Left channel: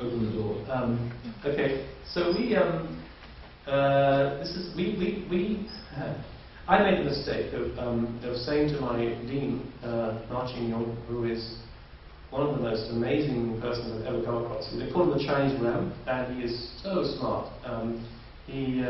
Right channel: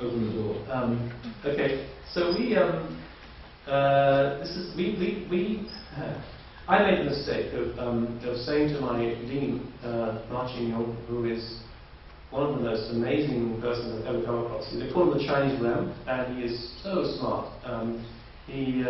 open the door. Okay, so I made the mistake of saying to my dean, Martin Yong, who is one of the most amazing persons I've ever come across. They call him the Chinese Ram, and he is so smart. He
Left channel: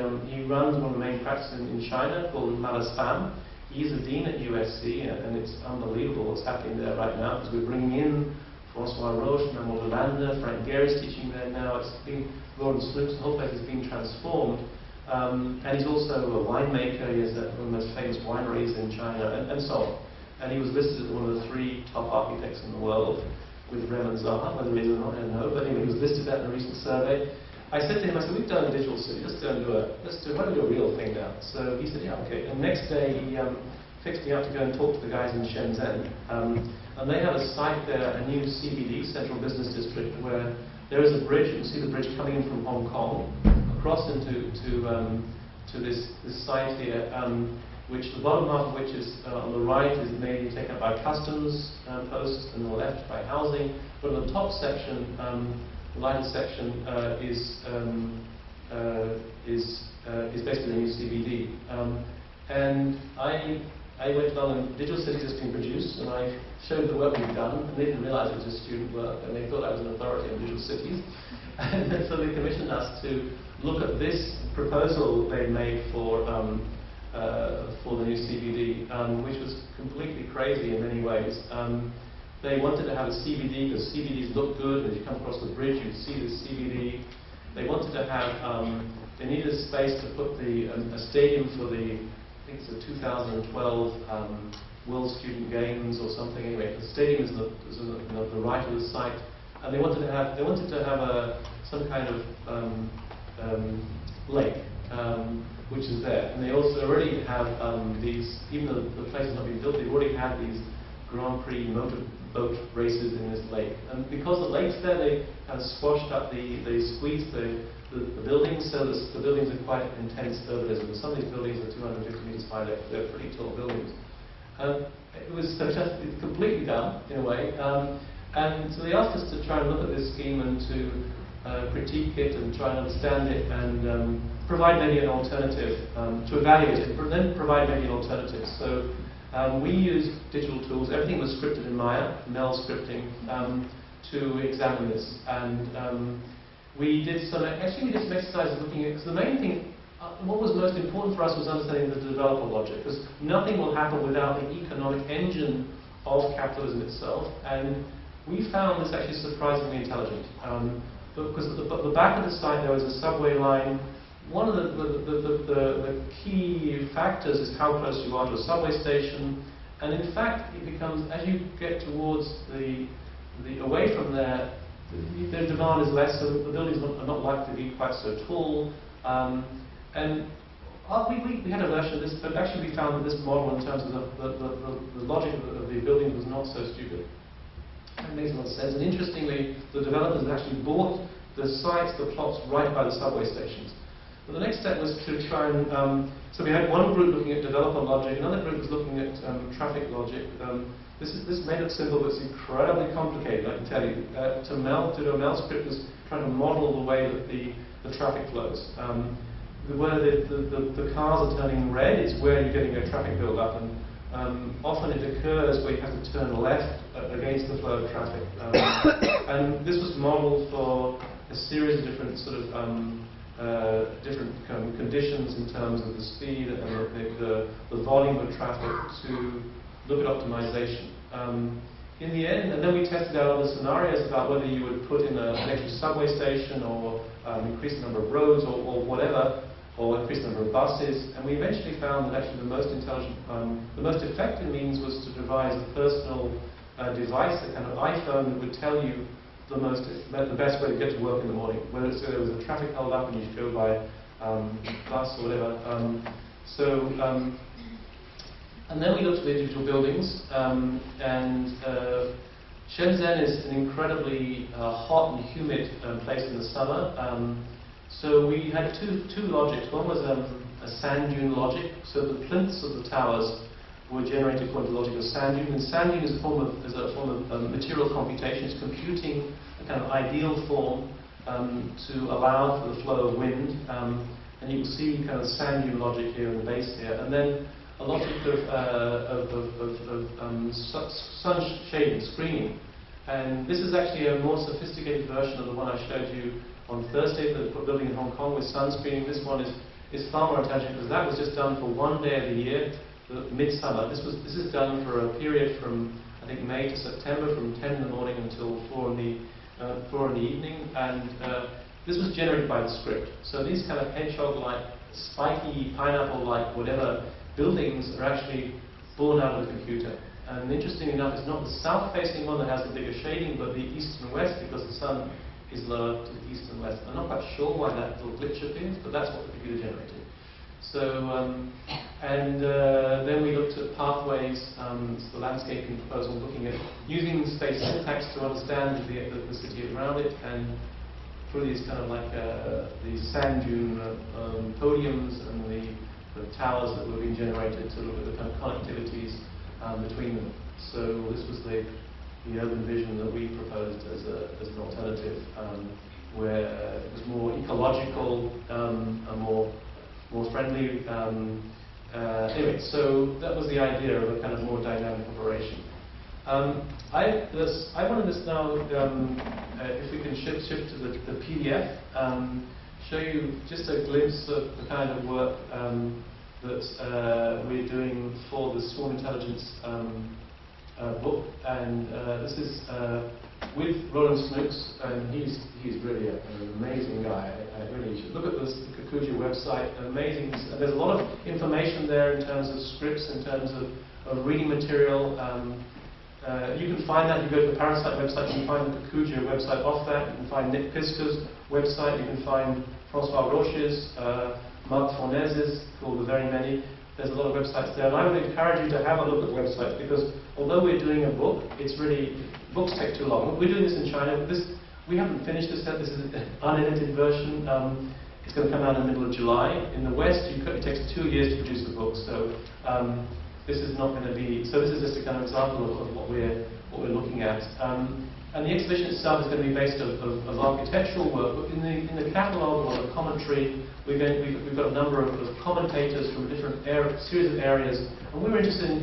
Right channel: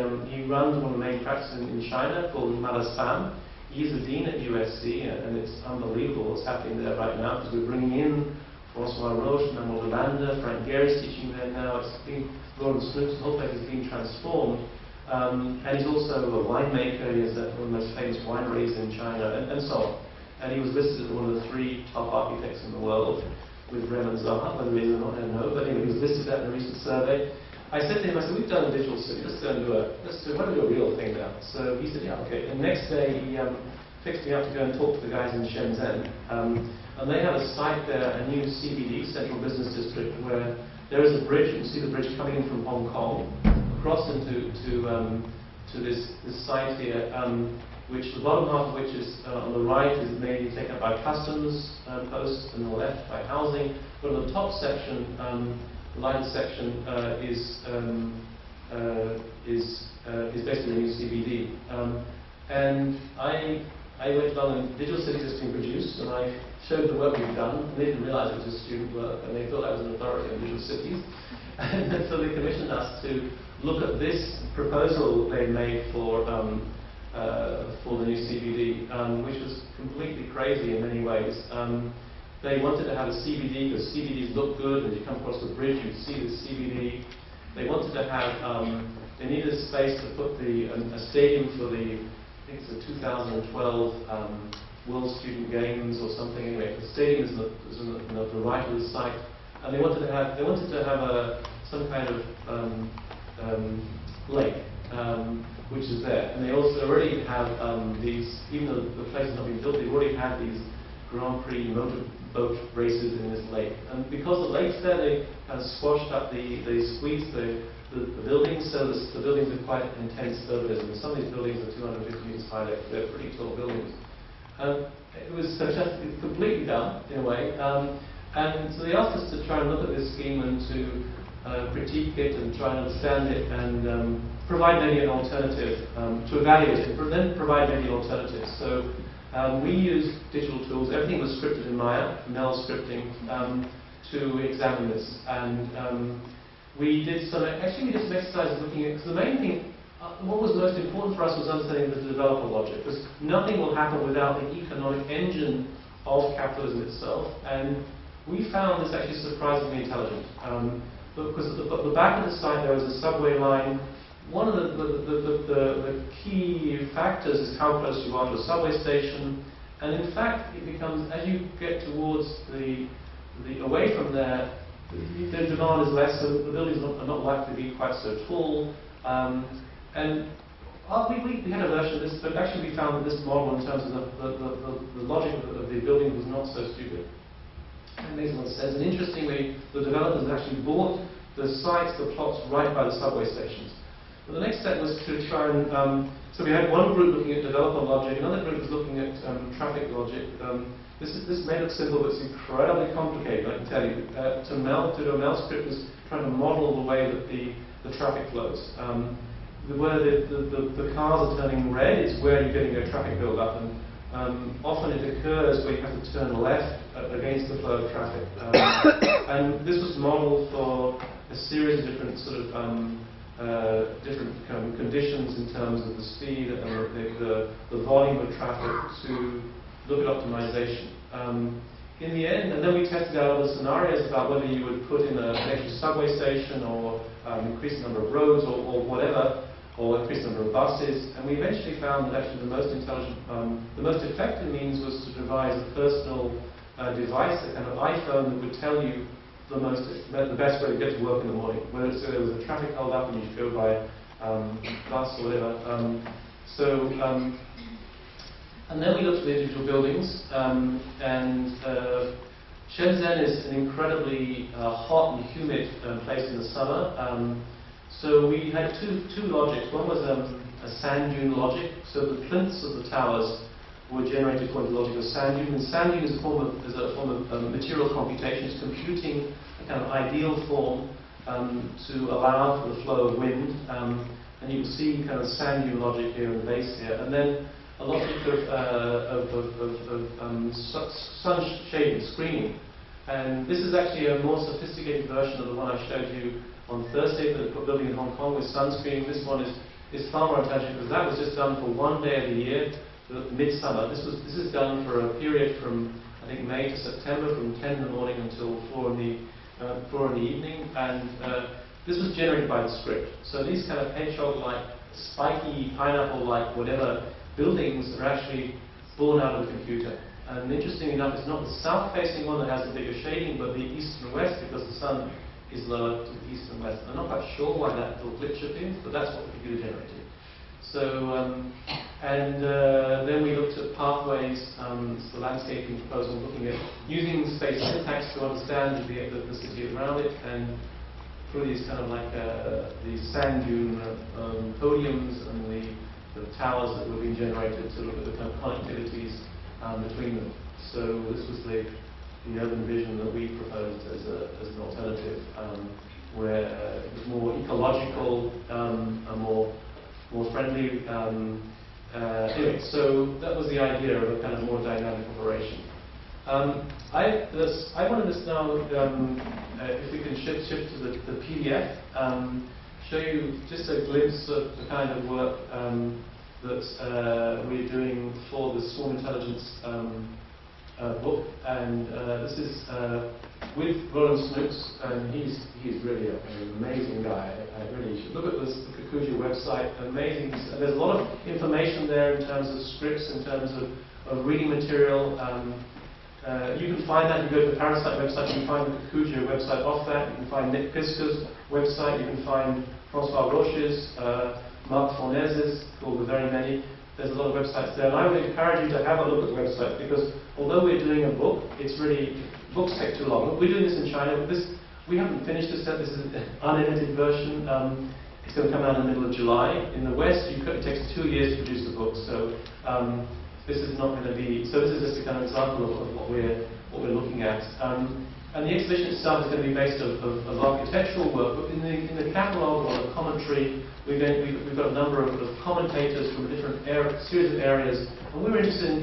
runs one of the main practices in China called Malaspam. He's the dean at USC, and it's unbelievable what's happening there right now, because we're bringing in Francois Roche, Manuel Delanda, Frank Gehry's teaching there now. It's been, Roland Snooks, the whole place has been transformed. And he's also a winemaker. He has one of the most famous wineries in China, and so on. And he was listed as one of the 3 top architects in the world, with Rem and Zaha. Whether he is or not, I don't know. But anyway, he was listed that in a recent survey. I said to him, I said, we've done a digital city, let's go and why don't we do a real thing now? So he said, yeah, okay. And the next day he fixed me up to go and talk to the guys in Shenzhen. And they have a site there, a new CBD, Central Business District, where there is a bridge. You can see the bridge coming in from Hong Kong, across into this site here, which the bottom half of which is on the right is mainly taken up by customs posts, and on the left by housing. But on the top section, the lighted section is basically the new CBD. And I went down and digital cities has been produced, and I showed the work we've done, and they didn't realize it was just student work, and they thought I was an authority on digital cities. And so they commissioned us to look at this proposal they made for the new CBD, which was completely crazy in many ways. They wanted to have a CBD because CBDs look good, and as you come across the bridge, you see the CBD. They wanted to have, they needed a space to put a stadium for the, I think it's the 2012 World Student Games or something. Anyway, the stadium is on the right of the site, and they wanted to have some kind of lake, which is there. And they also already have these, even though the place has not been built, they already have these Grand Prix motorboat races in this lake. And because the lake's there, they kind of squashed up, they squeezed the buildings, so the buildings are quite intense urbanism. Some of these buildings are 250 meters high, they're pretty tall buildings. It was it's completely dumb, in a way. And so they asked us to try and look at this scheme and to critique it and try and understand it and provide maybe an alternative, to evaluate it, but then provide maybe an alternative. So we used digital tools. Everything was scripted in Maya, Mel scripting, to examine this. And we did some exercises looking at, because the main thing, what was most important for us was understanding the developer logic, because nothing will happen without the economic engine of capitalism itself. And we found this actually surprisingly intelligent. Because at the back of the site there was a subway line. One of the key factors is how close you are to a subway station. And in fact, it becomes, as you get towards away from there, the demand is less, so the buildings are not likely to be quite so tall. And we had a version of this, but actually we found that this model, in terms of the logic of the building, was not so stupid. It makes a lot of sense. And interestingly, the developers actually bought the sites, the plots, right by the subway stations. But the next step was to try and, so we had one group looking at developer logic, another group was looking at traffic logic. This may look simple, but it's incredibly complicated, I can tell you. To do a Mel script was trying to model the way that the traffic flows. Where the cars are turning red is where you're getting a traffic build-up, and often it occurs where you have to turn left against the flow of traffic. And this was modeled for a series of different sort of different conditions in terms of the speed and the volume of traffic to look at optimization. In the end, and then we tested out other scenarios about whether you would put in an extra subway station or increase the number of roads or whatever, or increase the number of buses. And we eventually found that actually the most intelligent, the most effective means was to devise a personal device, a kind of iPhone that would tell you the best way to get to work in the morning, whether there was a traffic hold up and you should go by bus or whatever. And then we looked at the individual buildings, and Shenzhen is an incredibly hot and humid place in the summer. So we had two logics. One was a sand dune logic. So the plinths of the towers were generated according to the logic of sand dune. And sand dune is a form of material computation. It's computing a kind of ideal form to allow for the flow of wind. And you can see kind of sand dune logic here in the base here. And then a logic of sun shading, screening. And this is actually a more sophisticated version of the one I showed you on Thursday for the building in Hong Kong with sun screening. This one is far more intelligent because that was just done for one day of the year, midsummer. This is done for a period from I think May to September, from 10 in the morning until 4 in the evening, and this was generated by the script. So these kind of hedgehog-like, spiky, pineapple-like, whatever buildings are actually born out of the computer. And interestingly enough, it's not the south-facing one that has the bigger shading, but the east and west, because the sun is lower to the east and west. I'm not quite sure why that little glitch appears, but that's what the computer generated. So, then we looked at pathways, the landscaping proposal, looking at using space syntax to understand the city around it, and through these kind of like these sand dune podiums and the towers that were being generated to look at the kind of connectivities between them. So this was the urban vision that we proposed as an alternative, where it was more ecological, and more friendly. Anyway, so that was the idea of a kind of more dynamic operation. I wanted us now, if we can shift to the PDF, show you just a glimpse of the kind of work that we're doing for the Swarm Intelligence book, and this is with Roland Snooks, and he's really an amazing guy. I really should look at the Cluj website. Amazing. There's a lot of information there in terms of scripts, in terms of reading material. You can find that. You go to the Parasite website. You can find the Cluj website off that. You can find Nick Pisker's website. You can find Francois Roche's, Marc Fournaise's, called The Very Many. There's a lot of websites there, and I would encourage you to have a look at the website, because although we're doing a book, books take too long. We're doing this in China. We haven't finished this yet. This is an unedited version. It's going to come out in the middle of July. In the West, it takes 2 years to produce the book. So this is not going to be. So this is just a kind of example of what we're looking at. And the exhibition itself is going to be based of architectural work, but in the catalogue or the commentary, we've got a number of commentators from a different series of areas, and we're interested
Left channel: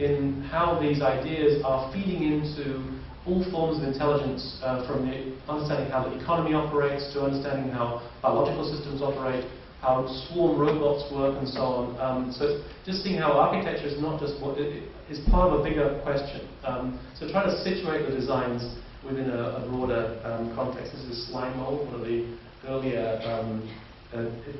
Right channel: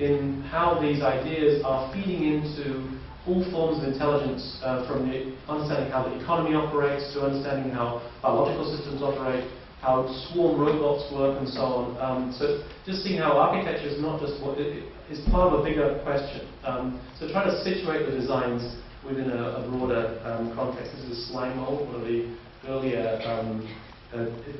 in how these ideas are feeding into all forms of intelligence, from the understanding how the economy operates to understanding how biological systems operate, how swarm robots work, and so on. So just seeing how architecture is not just is part of a bigger question. So trying to situate the designs within a broader context. This is slime mold, one of the earlier,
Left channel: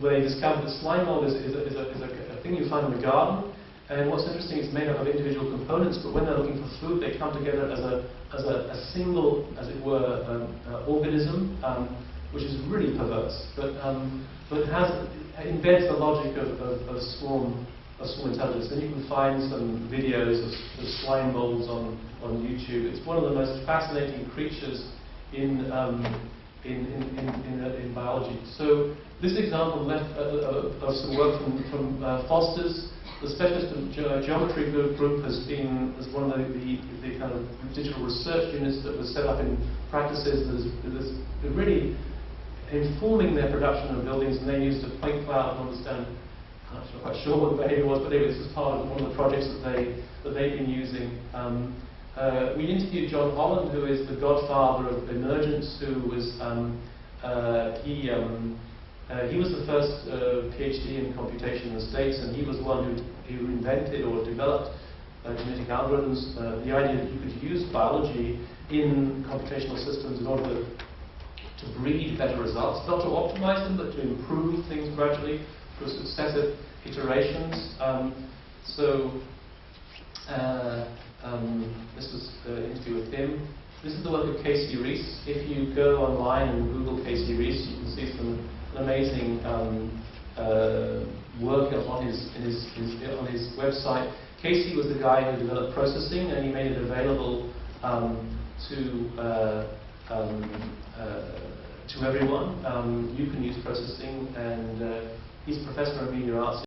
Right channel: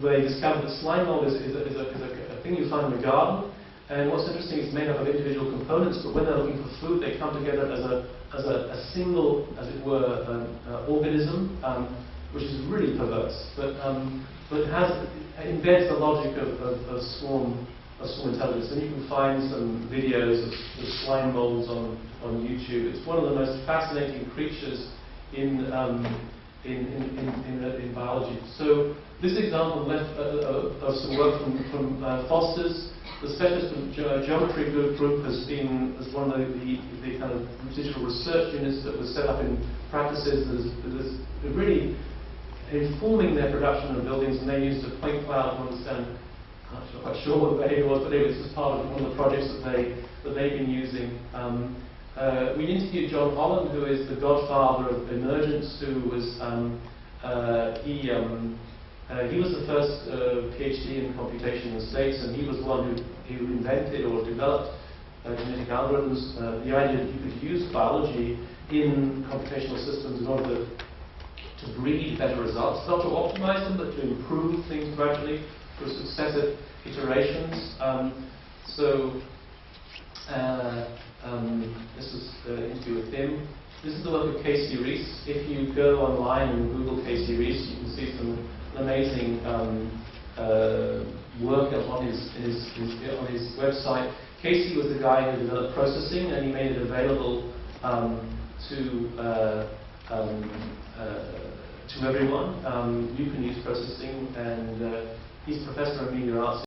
where they discovered that slime mold is a thing you find in the garden. And what's interesting, it's made up of individual components, but when they're looking for food, they come together as a single, as it were, organism, which is really perverse. But it embeds the logic of swarm intelligence. And you can find some videos of slime molds on YouTube. It's one of the most fascinating creatures in biology. So this example of some work from Foster's. The specialist geometry group is one of the kind of digital research units that was set up in practices that is really informing their production of buildings, and they used a point cloud to understand. I'm not quite sure what the behavior was, but anyway, this was part of one of the projects that they've been using. We interviewed John Holland, who is the godfather of emergence, who was he was the first PhD in computation in the States, and he was the one who invented or developed genetic algorithms. The idea that you could use biology in computational systems in order to breed better results, not to optimize them, but to improve things gradually through successive iterations. This was the interview with him. This is the work of Casey Rees. If you go online and Google Casey Rees, you can see some amazing work on his website. Casey was the guy who developed processing, and he made it available to everyone. You can use processing, and he's a professor of media arts